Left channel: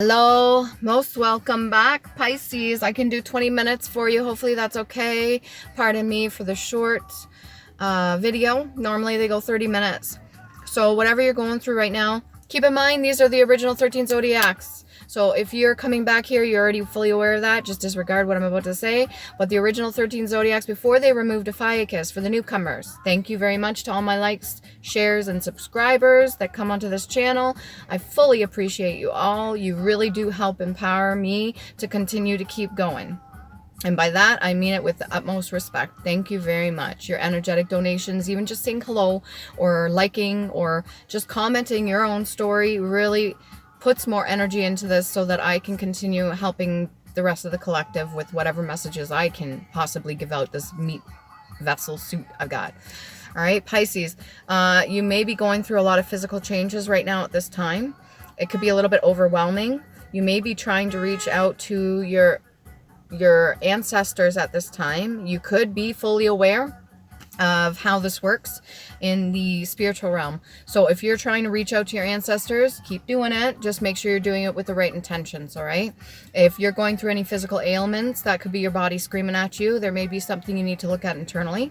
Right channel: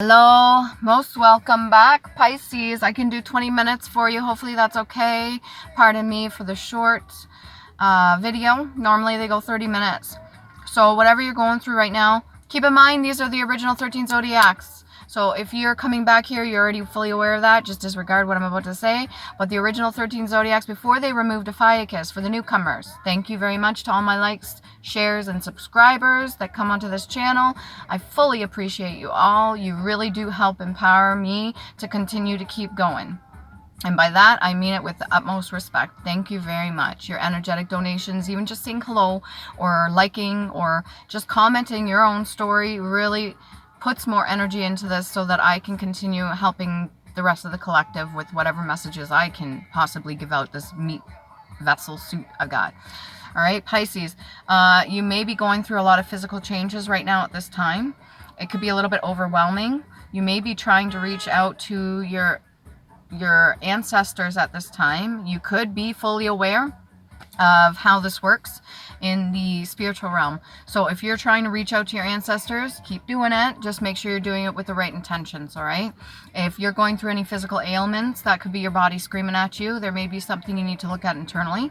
Hello, most welcome back, Pisces. I can do 20 minutes for you. Hopefully that's okay. Pardon me for the short video. Normally they go 30 minutes. So whatever you're going through right now, keep in mind these are the original 13 zodiacs. So if you're coming back here, you're already fully aware of that. Just disregard what I'm about to say. But the original 13 zodiacs, before they removed Ophiuchus for the newcomers. Thank you very much to all my likes, shares, and subscribers that come onto this channel. I fully appreciate you all. You really do help empower me to continue to keep going. And by that, I mean it with the utmost respect. Thank you very much. Your energetic donations, even just saying hello or liking or just commenting your own story really puts more energy into this so that I can continue helping the rest of the collective with whatever messages I can possibly give out this meat vessel suit I've got. All right, Pisces, you may be going through a lot of physical changes right now at this time. It could be a little bit overwhelming. You may be trying to reach out to your ancestors at this time. You could be fully aware of how this works in the spiritual realm. So if you're trying to reach out to your ancestors, keep doing it. Just make sure you're doing it with the right intentions, all right? If you're going through any physical ailments, that could be your body screaming at you. There may be something you need to look at internally.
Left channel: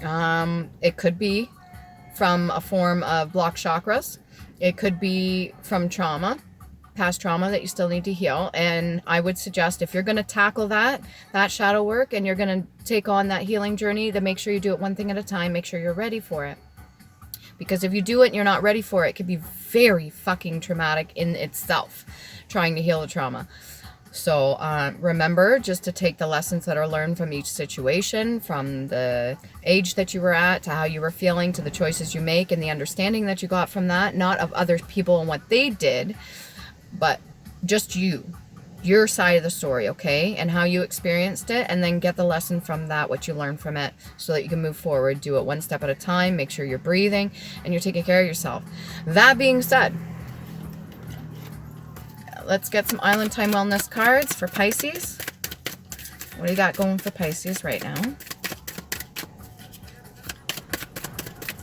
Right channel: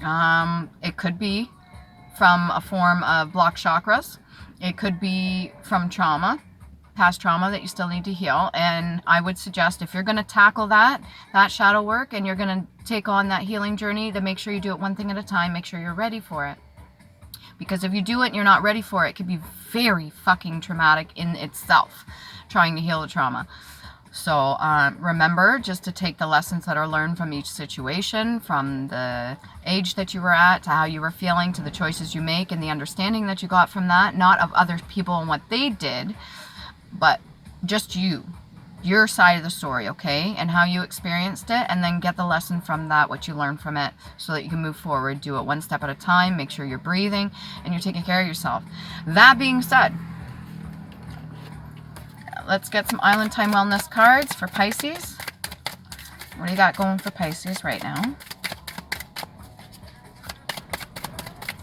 It could be from a form of blocked chakras. It could be from trauma, past trauma that you still need to heal. And I would suggest if you're going to tackle that shadow work and you're going to take on that healing journey, to make sure you do it one thing at a time. Make sure you're ready for it. Because if you do it and you're not ready for it, it could be very fucking traumatic in itself, trying to heal the trauma. So remember just to take the lessons that are learned from each situation, from the age that you were at to how you were feeling to the choices you make and the understanding that you got from that, not of other people and what they did, but just your side of the story, okay? And how you experienced it, and then get the lesson from that, what you learned from it, so that you can move forward. Do it one step at a time. Make sure you're breathing and you're taking care of yourself. That being said, let's get some Island Time Wellness cards for Pisces. What do you got going for Pisces right now?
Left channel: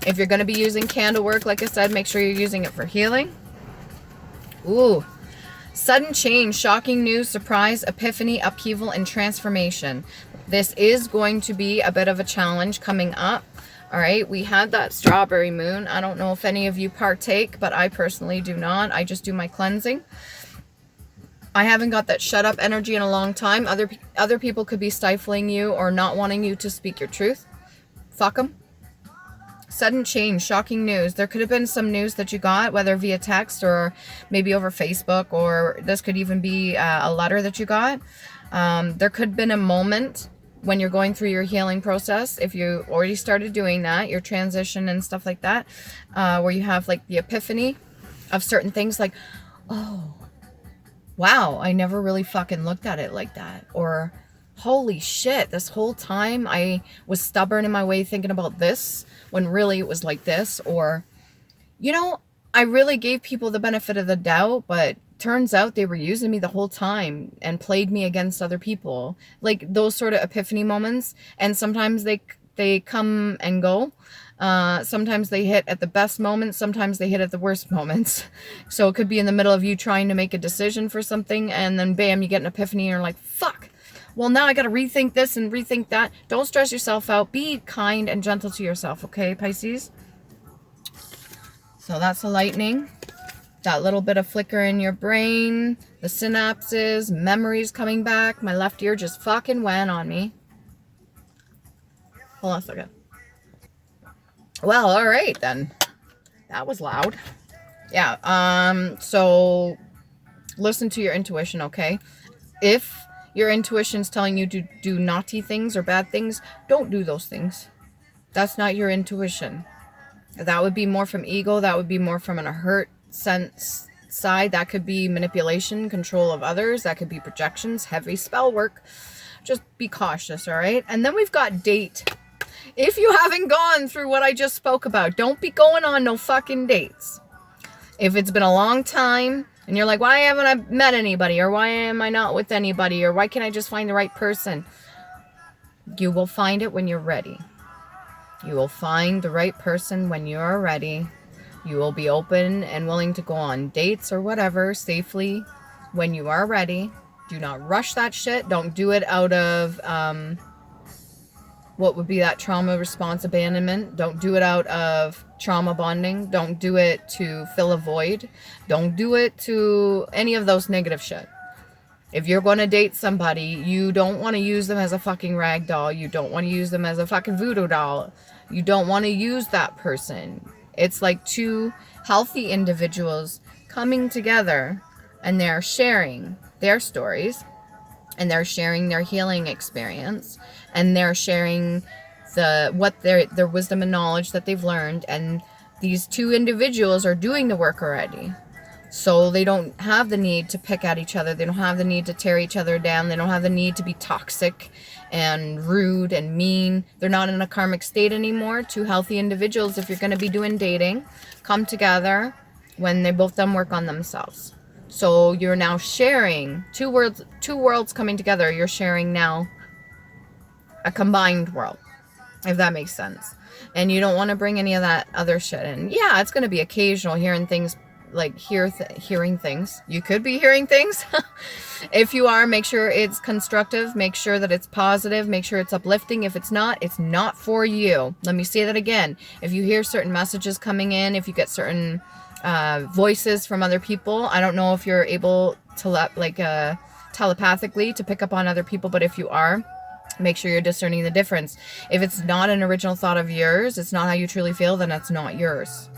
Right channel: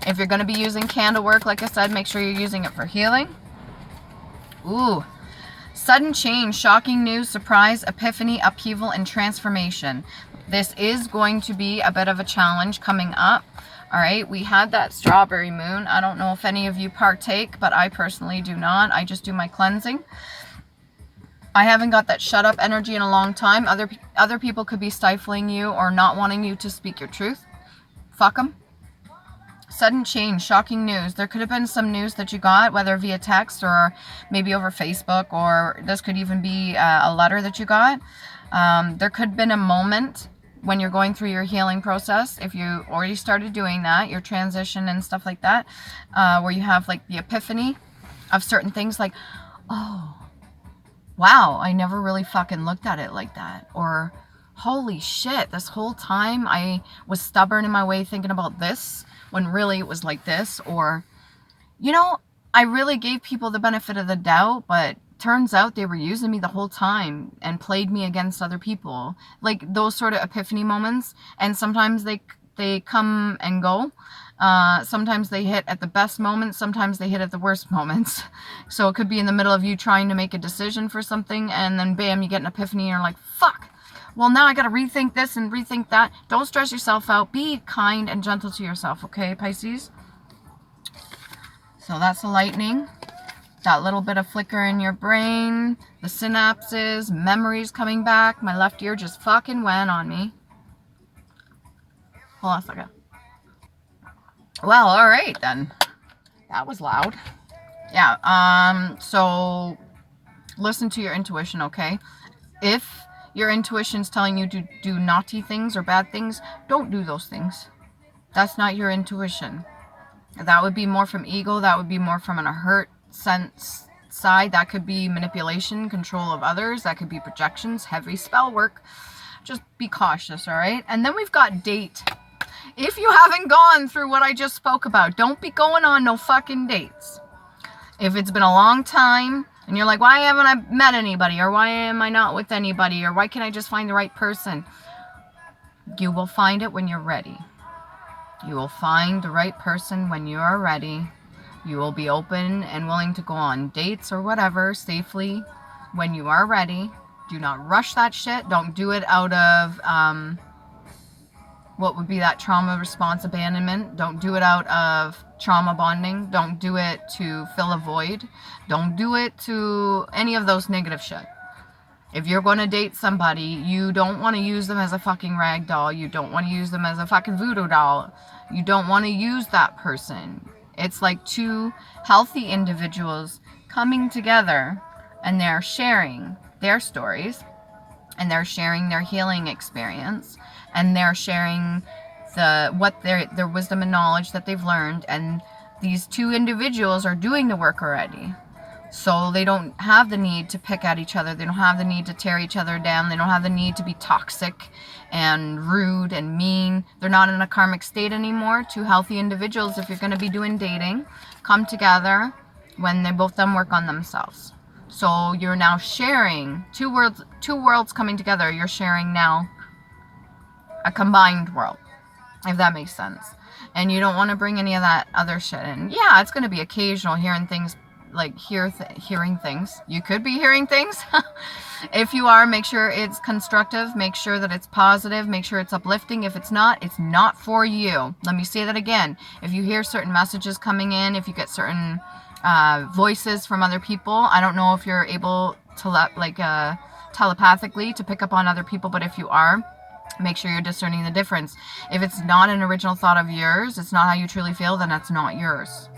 If you're going to be using candle work, like I said, make sure you're using it for healing. Ooh. Sudden change, shocking news, surprise, epiphany, upheaval, and transformation. This is going to be a bit of a challenge coming up. All right, we had that strawberry moon. I don't know if any of you partake, but I personally do not. I just do my cleansing. I haven't got that shut up energy in a long time. Other people could be stifling you or not wanting you to speak your truth. Fuck them. Sudden change, shocking news. There could have been some news that you got, whether via text or maybe over Facebook, or this could even be a letter that you got. There could have been a moment when you're going through your healing process, if you already started doing that, your transition and stuff like that, where you have like the epiphany of certain things like, oh, wow, I never really fucking looked at it like that. Or, holy shit, this whole time I was stubborn in my way thinking about this, when really it was like this. Or, you know, I really gave people the benefit of the doubt, but turns out they were using me the whole time and played me against other people. Like those sort of epiphany moments. And sometimes they come and go. Sometimes they hit at the best moments. Sometimes they hit at the worst moments. So it could be in the middle of you trying to make a decision for something, and then bam, you get an epiphany and you're like, fuck. Well, now I got to rethink this and rethink that. Don't stress yourself out. Be kind and gentle to yourself, okay, Pisces? So that's the lightning. That little bit of flicker in your brain. The synapses. Memories coming back. My left ear just fucking went on me. Hold on a second. Well, all right, then. That was loud. Yeah, so listen to your intuition, okay? If your intuition's telling you to do naughty things or bad things, don't do those things. That's not your intuition. That would be more from ego. That would be more from a hurt sense side. That could be manipulation, control of others. That could be projections, heavy spell work. Just be cautious, all right? And then we've got date. If you haven't gone through what I just spoke about, don't be going on no fucking dates. If it's been a long time, and you're like, why haven't I met anybody? Or why am I not with anybody? Or why can't I just find the right person? You will find it when you're ready. You will find the right person when you are ready. You will be open and willing to go on dates or whatever safely when you are ready. Do not rush that shit. Don't do it out of what would be that trauma response abandonment. Don't do it out of trauma bonding. Don't do it to fill a void. Don't do it to any of those negative shit. If you're going to date somebody, you don't want to use them as a fucking rag doll. You don't want to use them as a fucking voodoo doll. You don't want to use that person. It's like two healthy individuals coming together, and they're sharing their stories, and they're sharing their healing experience, and they're sharing their wisdom and knowledge that they've learned, and these two individuals are doing the work already. So they don't have the need to pick at each other. They don't have the need to tear each other down. They don't have the need to be toxic and rude and mean. They're not in a karmic state anymore. Two healthy individuals, if you're going to be doing dating, come together when they both done work on themselves. So you're now sharing two worlds coming together. You're sharing now a combined world, if that makes sense. And you don't want to bring any of that other shit in. Yeah, it's going to be occasional hearing things, like hearing things. You could be hearing things. If you are, make sure it's constructive. Make sure that it's positive. Make sure it's uplifting. If it's not for you. Let me say that again. If you hear certain messages coming in, if you get certain voices from other people, I don't know if you're able to telepathically to pick up on other people, but if you are, make sure you're discerning the difference. If it's not an original thought of yours, it's not how you truly feel, then that's not yours.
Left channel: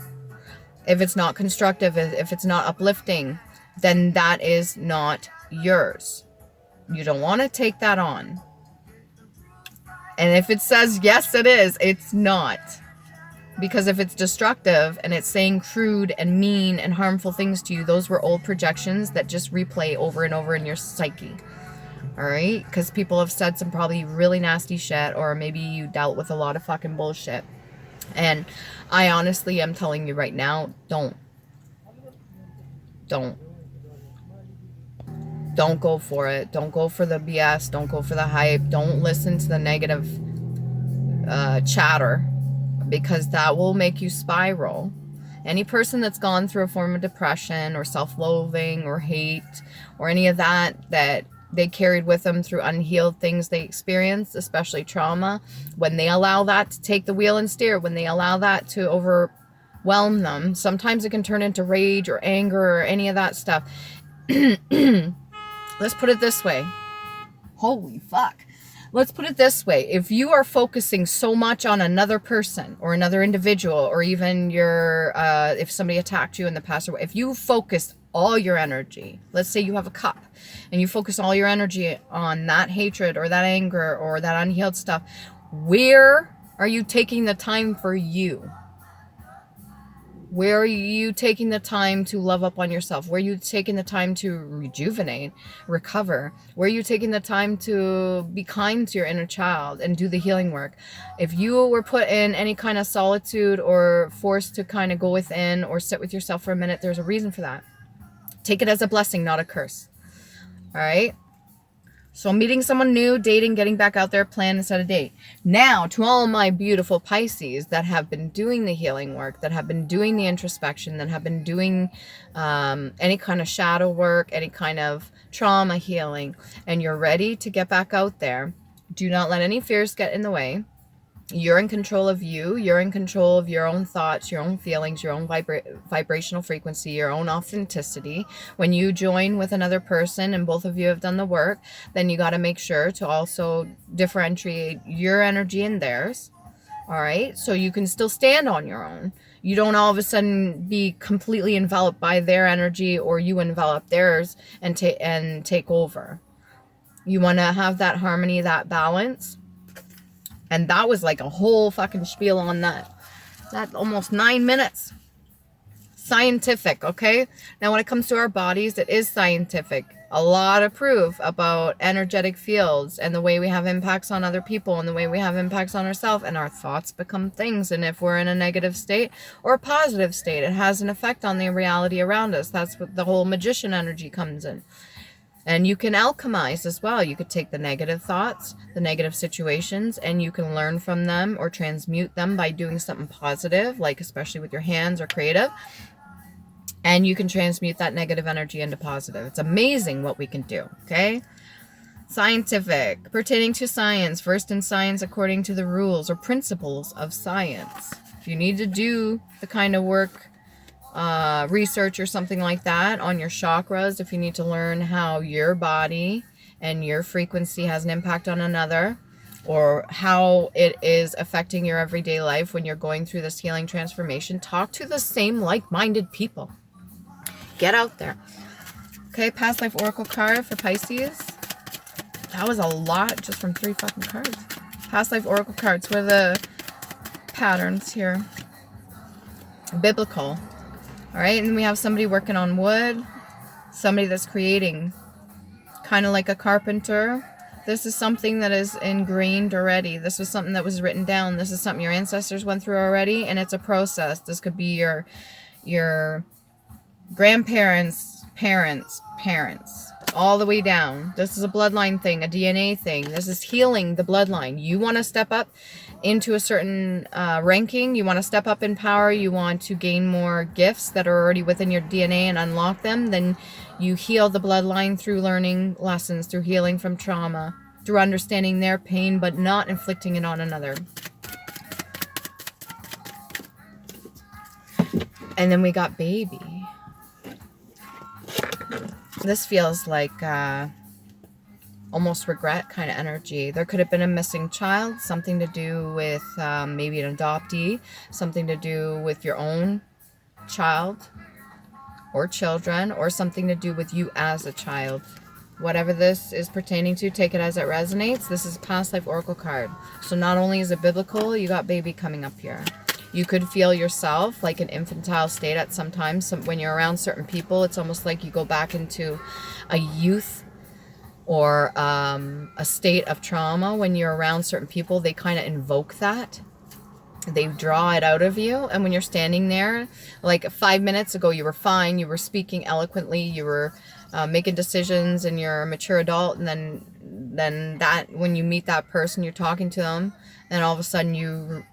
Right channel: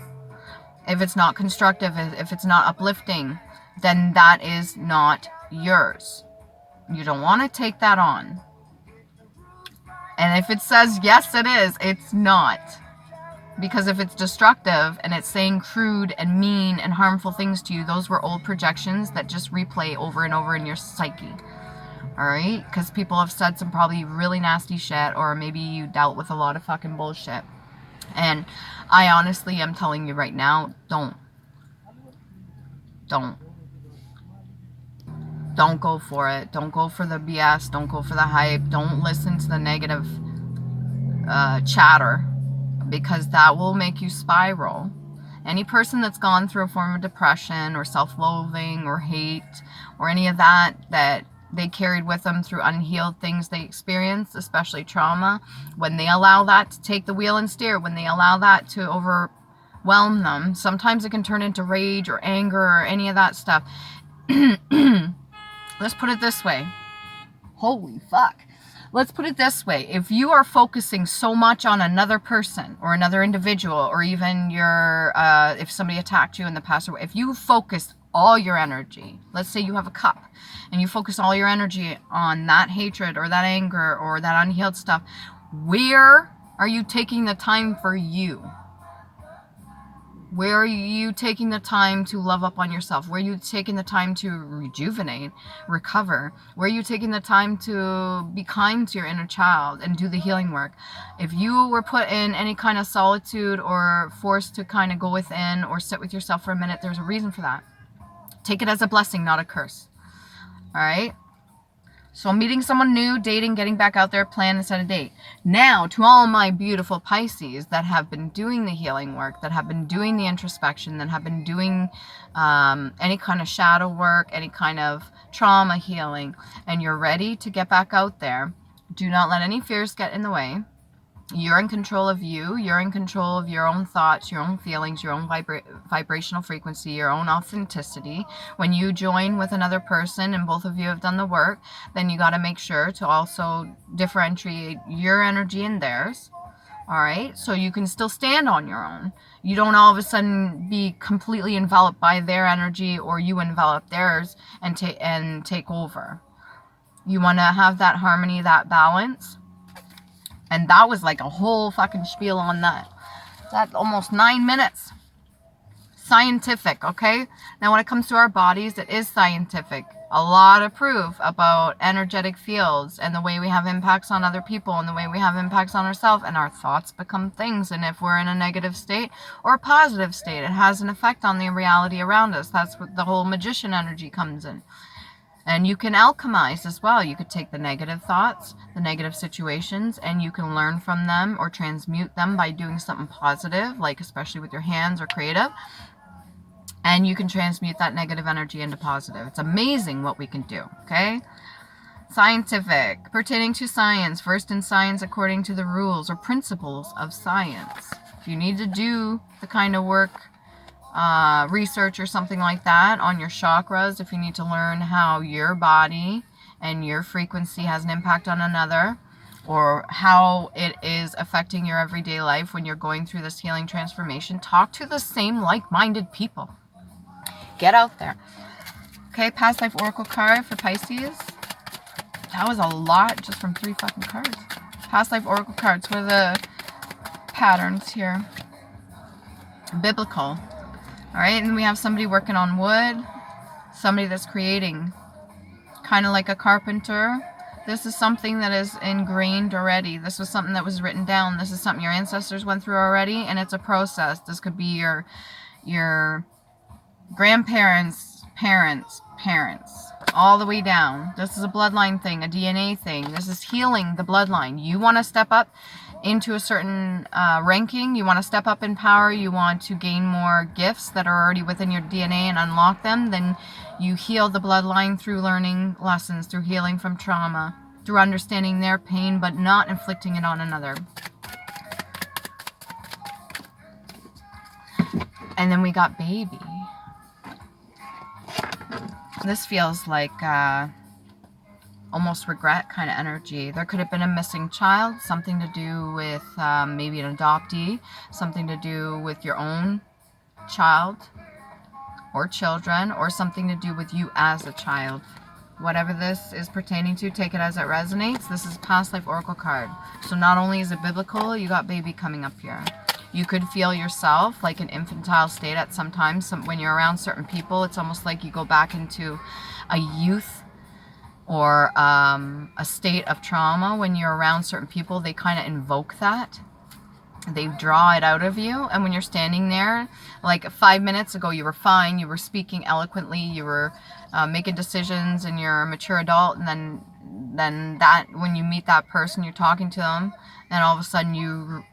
If it's not constructive, if it's not uplifting, then that is not yours. You don't want to take that on. And if it says yes, it is, it's not. Because if it's destructive and it's saying crude and mean and harmful things to you, those were old projections that just replay over and over in your psyche. All right? Because people have said some probably really nasty shit, or maybe you dealt with a lot of fucking bullshit. And I honestly am telling you right now, don't go for it. Don't go for the BS. Don't go for the hype. Don't listen to the negative chatter, because that will make you spiral. Any person that's gone through a form of depression or self-loathing or hate or any of that they carried with them through unhealed things they experienced, especially trauma, when they allow that to take the wheel and steer, when they allow that to overwhelm them, sometimes it can turn into rage or anger or any of that stuff. Let's put it this way. Holy fuck. Let's put it this way. If you are focusing so much on another person or another individual, or even if somebody attacked you in the past, or if you focus all your energy, let's say you have a cup and you focus all your energy on that hatred or that anger or that unhealed stuff, where are you taking the time for you? Where are you taking the time to love up on yourself? Where are you taking the time to rejuvenate, recover? Where are you taking the time to be kind to your inner child and do the healing work? If you were put in any kind of solitude or forced to kind of go within or sit with yourself for a minute, there's a reason for that. Take it as a blessing, not a curse. All right? So meeting someone new, dating, getting back out there, plan and set a date. Now, to all my beautiful Pisces that have been doing the healing work, that have been doing the introspection, that have been doing any kind of shadow work, any kind of trauma healing, and you're ready to get back out there, do not let any fears get in the way. You're in control of you. You're in control of your own thoughts, your own feelings, your own vibrational frequency, your own authenticity. When you join with another person and both of you have done the work, then you got to make sure to also differentiate your energy and theirs. All right? So you can still stand on your own. You don't all of a sudden be completely enveloped by their energy, or you envelop theirs and take over. You want to have that harmony, that balance. And that was like a whole fucking spiel on that. That almost 9 minutes. Scientific, okay? Now when it comes to our bodies, it is scientific. A lot of proof about energetic fields and the way we have impacts on other people and the way we have impacts on ourselves, and our thoughts become things. And if we're in a negative state or a positive state, it has an effect on the reality around us. That's what the whole magician energy comes in. And you can alchemize as well. You could take the negative thoughts, the negative situations, and you can learn from them or transmute them by doing something positive, like especially with your hands or creative. And you can transmute that negative energy into positive. It's amazing what we can do, okay? Scientific, pertaining to science, versed in science according to the rules or principles of science. If you need to do the kind of work, research or something like that on your chakras, if you need to learn how your body and your frequency has an impact on another, or how it is affecting your everyday life when you're going through this healing transformation, talk to the same like-minded people. Get out there. Okay, past life oracle card for Pisces. That was a lot just from 3 fucking cards. Past life oracle cards. What are the patterns here? Biblical. All right, and we have somebody working on wood. Somebody that's creating. Kind of like a carpenter. This is something that is ingrained already. This was something that was written down. This is something your ancestors went through already, and it's a process. This could be your grandparents, parents, all the way down. This is a bloodline thing, a DNA thing. This is healing the bloodline. You want to step up into a certain ranking. You want to step up in power. You want to gain more gifts that are already within your DNA and unlock them. Then you heal the bloodline through learning lessons, through healing from trauma, through understanding their pain, but not inflicting it on another. And then we got baby. This feels like almost regret kind of energy. There could have been a missing child, something to do with maybe an adoptee, something to do with your own child or children, or something to do with you as a child. Whatever this is pertaining to, take it as it resonates. This is past life oracle card. So not only is it biblical, you got baby coming up here. You could feel yourself like an infantile state at some time. When you're around certain people, it's almost like you go back into a youth or a state of trauma. When you're around certain people, they kind of invoke that. They draw it out of you. And when you're standing there, like 5 minutes ago, you were fine. You were speaking eloquently. You were making decisions, and you're a mature adult. And then that, when you meet that person, you're talking to them, and all of a sudden you,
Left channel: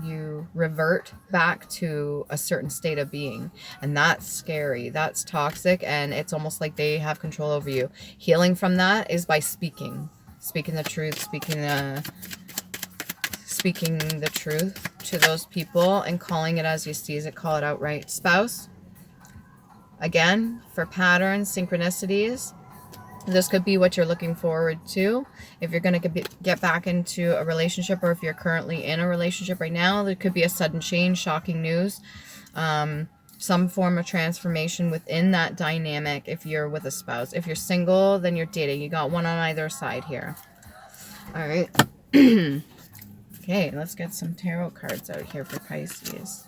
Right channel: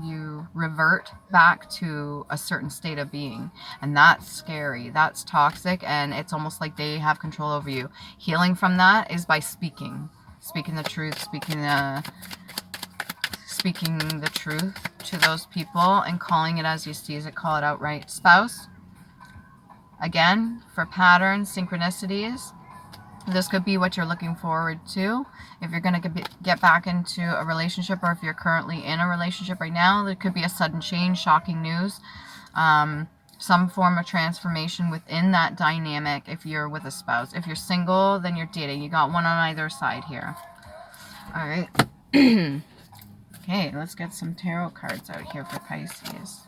you revert back to a certain state of being. And that's scary. That's toxic. And it's almost like they have control over you. Healing from that is by speaking the truth, speaking the truth to those people and calling it as you see it. Call it outright. Spouse. Again, for patterns, synchronicities. This could be what you're looking forward to. If you're going to get back into a relationship, or if you're currently in a relationship right now, there could be a sudden change, shocking news, some form of transformation within that dynamic if you're with a spouse. If you're single, then you're dating. You got one on either side here. All right. Okay, let's get some tarot cards out here for Pisces.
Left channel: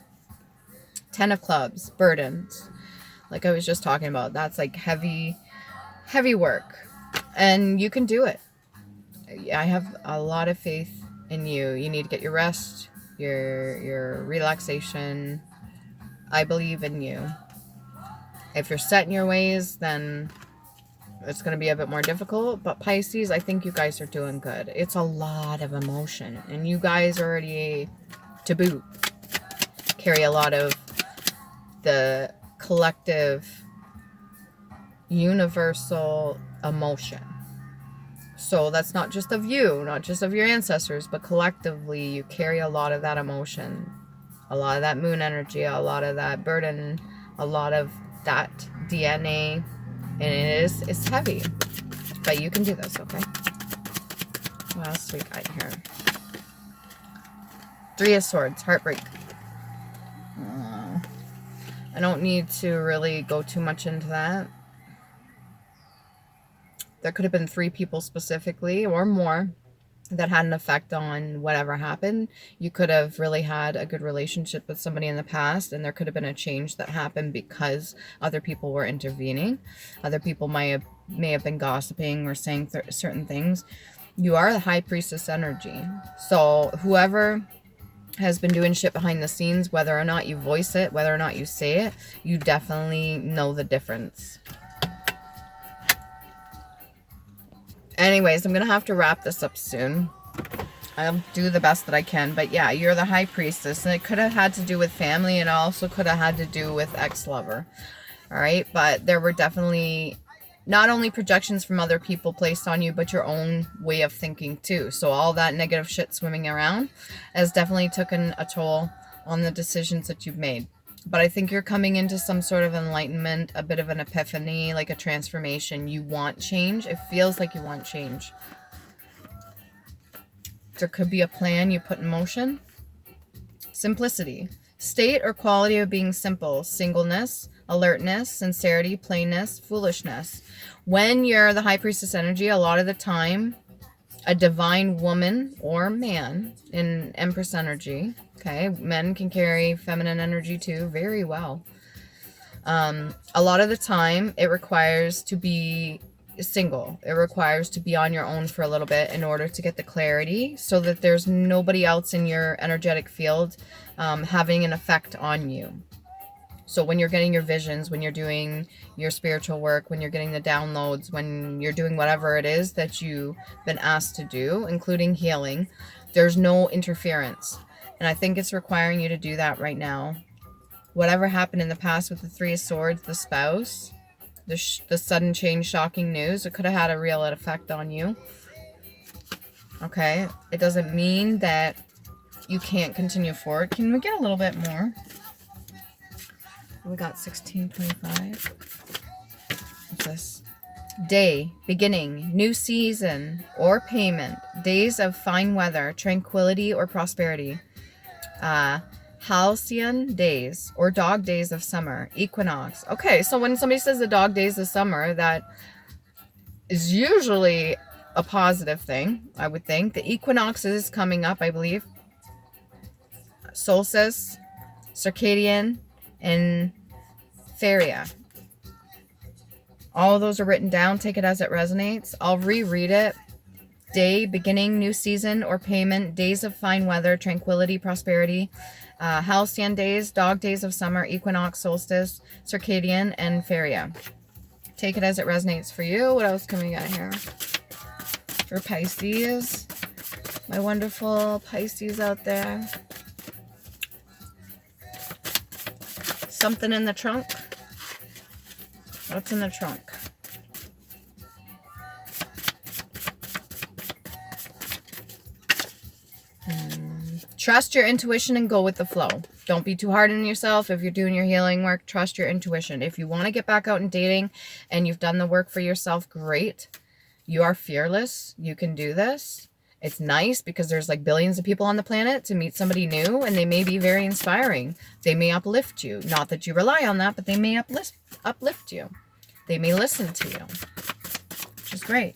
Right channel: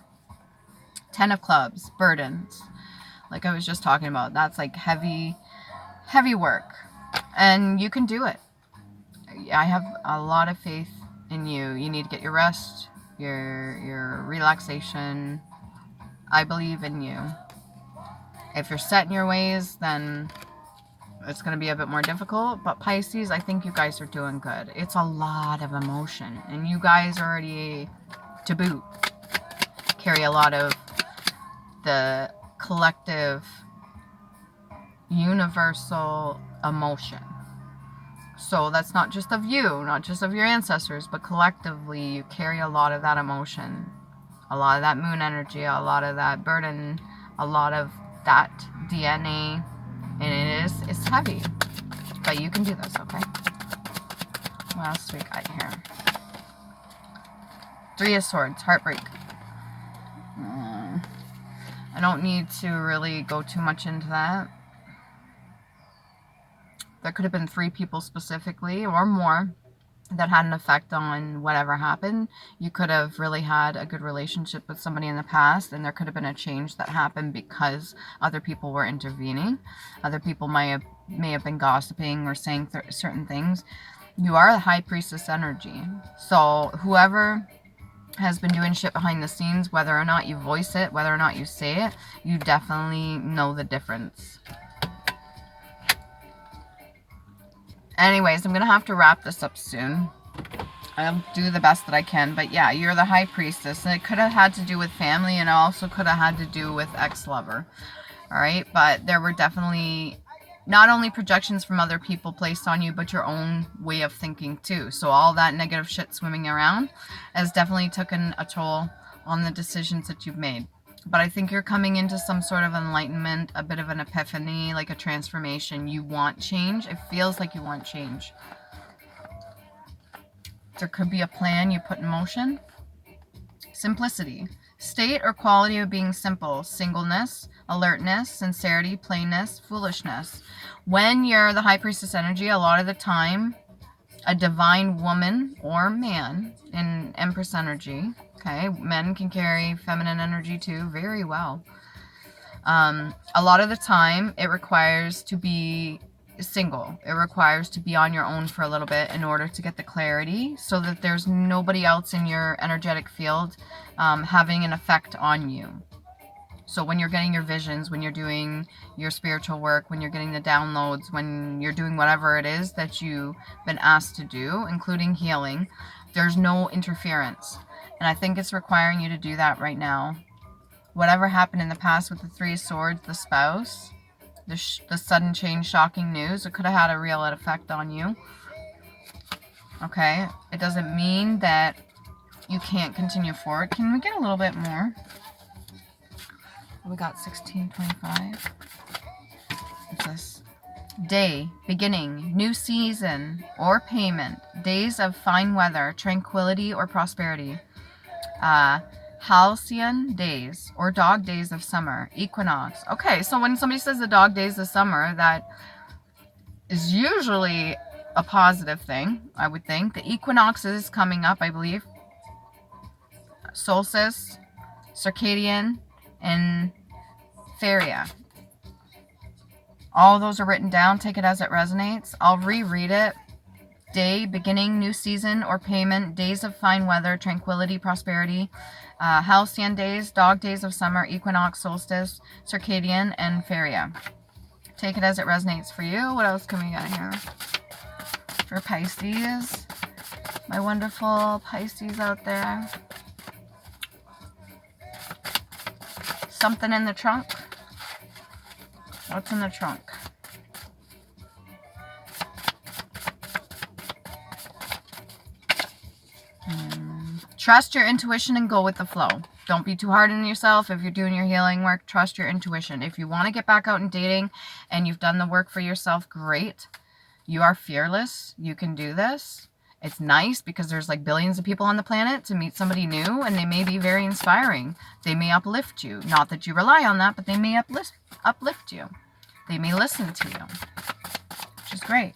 10 of Clubs, burdens. Like I was just talking about, that's like heavy work, and you can do it. I have a lot of faith in you. You need to get your rest, your relaxation. I believe in you. If you're set in your ways, then it's going to be a bit more difficult. But Pisces, I think you guys are doing good. It's a lot of emotion, and you guys already, to boot, carry a lot of the collective universal emotion. So that's not just of you, not just of your ancestors, but collectively you carry a lot of that emotion, a lot of that moon energy, a lot of that burden, a lot of that DNA, and it's heavy, but you can do this. Okay, what else do we got here? 3 of Swords, heartbreak. I don't need to really go too much into that. There could have been 3 people specifically, or more, that had an effect on whatever happened. You could have really had a good relationship with somebody in the past, and there could have been a change that happened because other people were intervening. Other people may have been gossiping or saying certain things. You are a high priestess energy. So whoever has been doing shit behind the scenes, whether or not you voice it, whether or not you say it, you definitely know the difference. Anyways, I'm going to have to wrap this up soon. I'll do the best that I can. But yeah, you're the high priestess, and it could have had to do with family, and it also could have had to do with ex-lover. All right, but there were definitely not only projections from other people placed on you, but your own way of thinking too. So all that negative shit swimming around has definitely taken a toll on the decisions that you've made. But I think you're coming into some sort of enlightenment, a bit of an epiphany, like a transformation. You want change. It feels like you want change. There could be a plan you put in motion. Simplicity. State or quality of being simple. Singleness, alertness, sincerity, plainness, foolishness. When you're the high priestess energy, a lot of the time, a divine woman or man in Empress energy, okay, men can carry feminine energy too very well. A lot of the time, it requires to be single. It requires to be on your own for a little bit in order to get the clarity, so that there's nobody else in your energetic field having an effect on you. So when you're getting your visions, when you're doing your spiritual work, when you're getting the downloads, when you're doing whatever it is that you've been asked to do, including healing, there's no interference. And I think it's requiring you to do that right now. Whatever happened in the past with the Three of Swords, the spouse, the sudden change, shocking news, it could have had a real effect on you. Okay? It doesn't mean that you can't continue forward. Can we get a little bit more? We got 1625. What's this? Day, beginning, new season, or payment. Days of fine weather, tranquility, or prosperity. Halcyon days, or dog days of summer. Equinox. Okay, so when somebody says the dog days of summer, that is usually a positive thing, I would think. The equinox is coming up, I believe. Solstice, circadian, and Feria. All those are written down. Take it as it resonates. I'll reread it. Day, beginning, new season, or payment. Days of fine weather, tranquility, prosperity. Halcyon days, dog days of summer, equinox, solstice, circadian, and Feria. Take it as it resonates for you. What else can we get here? For Pisces. My wonderful Pisces out there. Something in the trunk. What's in the trunk? Trust your intuition and go with the flow. Don't be too hard on yourself. If you're doing your healing work, trust your intuition. If you want to get back out and dating and you've done the work for yourself, great. You are fearless. You can do this. It's nice because there's like billions of people on the planet. To meet somebody new, and they may be very inspiring. They may uplift you. Not that you rely on that, but they may uplift you. They may listen to you, which is great.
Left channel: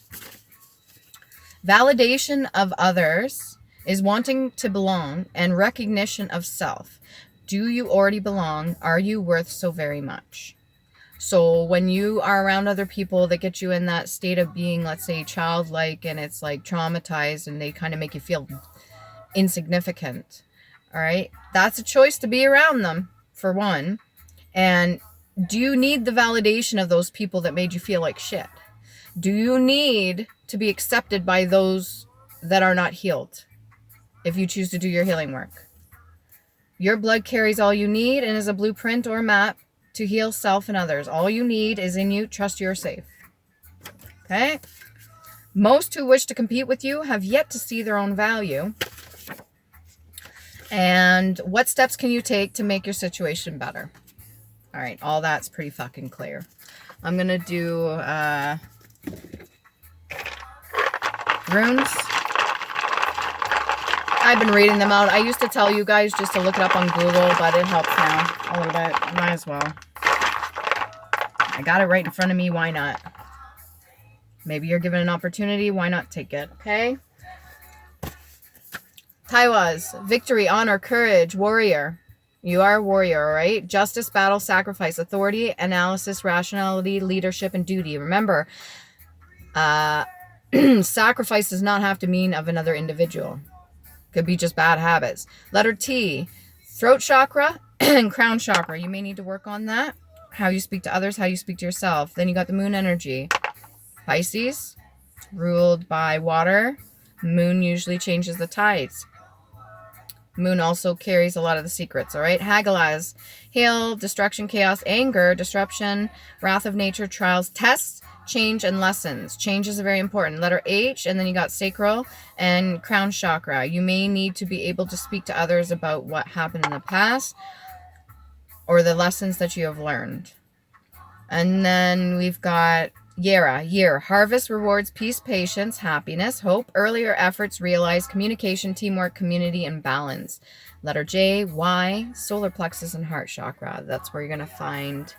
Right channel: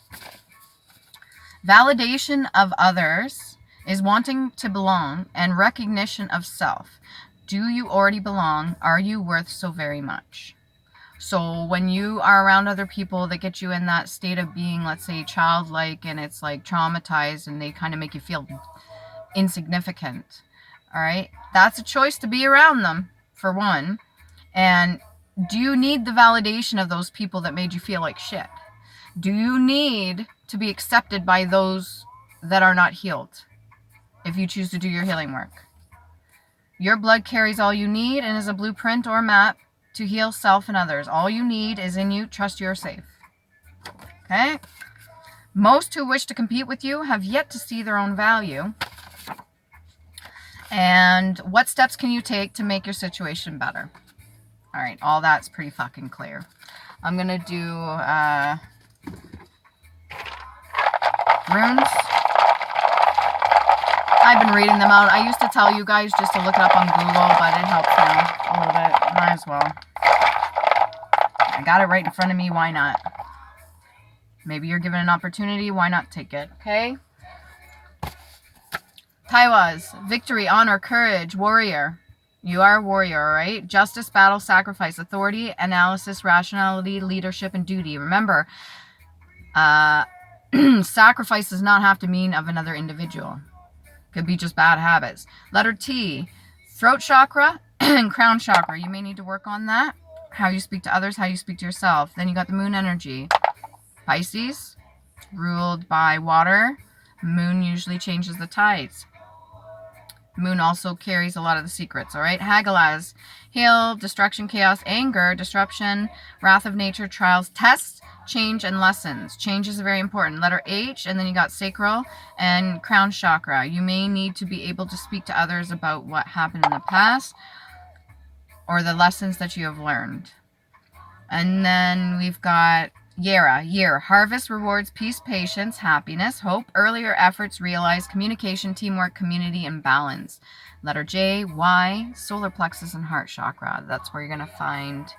Validation of others is wanting to belong, and recognition of self. Do you already belong? Are you worth so very much? So when you are around other people that get you in that state of being, let's say, childlike, and it's like traumatized, and they kind of make you feel insignificant, all right? That's a choice to be around them, for one. And do you need the validation of those people that made you feel like shit? Do you need to be accepted by those that are not healed if you choose to do your healing work? Your blood carries all you need and is a blueprint or map to heal self and others. All you need is in you. Trust you're safe. Okay? Most who wish to compete with you have yet to see their own value. And what steps can you take to make your situation better? All right, all that's pretty fucking clear. I'm going to do runes. I've been reading them out. I used to tell you guys just to look it up on Google, but it helps now a little bit. Might as well. I got it right in front of me. Why not? Maybe you're given an opportunity. Why not take it? Okay? Taiwas. Victory, honor, courage, warrior. You are a warrior, all right? Justice, battle, sacrifice, authority, analysis, rationality, leadership, and duty. Remember, sacrifice does not have to mean of another individual. Could be just bad habits. Letter T, throat chakra and crown chakra. You may need to work on that. How you speak to others, how you speak to yourself. Then you got the moon energy. Pisces, ruled by water. Moon usually changes the tides. Moon also carries a lot of the secrets, all right? Hagalaz, heal, destruction, chaos, anger, disruption, wrath of nature, trials, tests, change, and lessons. Change is very important. Letter H, and then you got sacral and crown chakra. You may need to be able to speak to others about what happened in the past or the lessons that you have learned. And then we've got Yera, year, harvest, rewards, peace, patience, happiness, hope, earlier efforts, realize, communication, teamwork, community, and balance. Letter J, Y, solar plexus and heart chakra. That's where you're going to find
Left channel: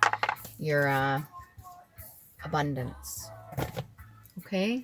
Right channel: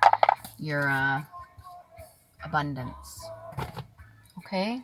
your abundance. Okay?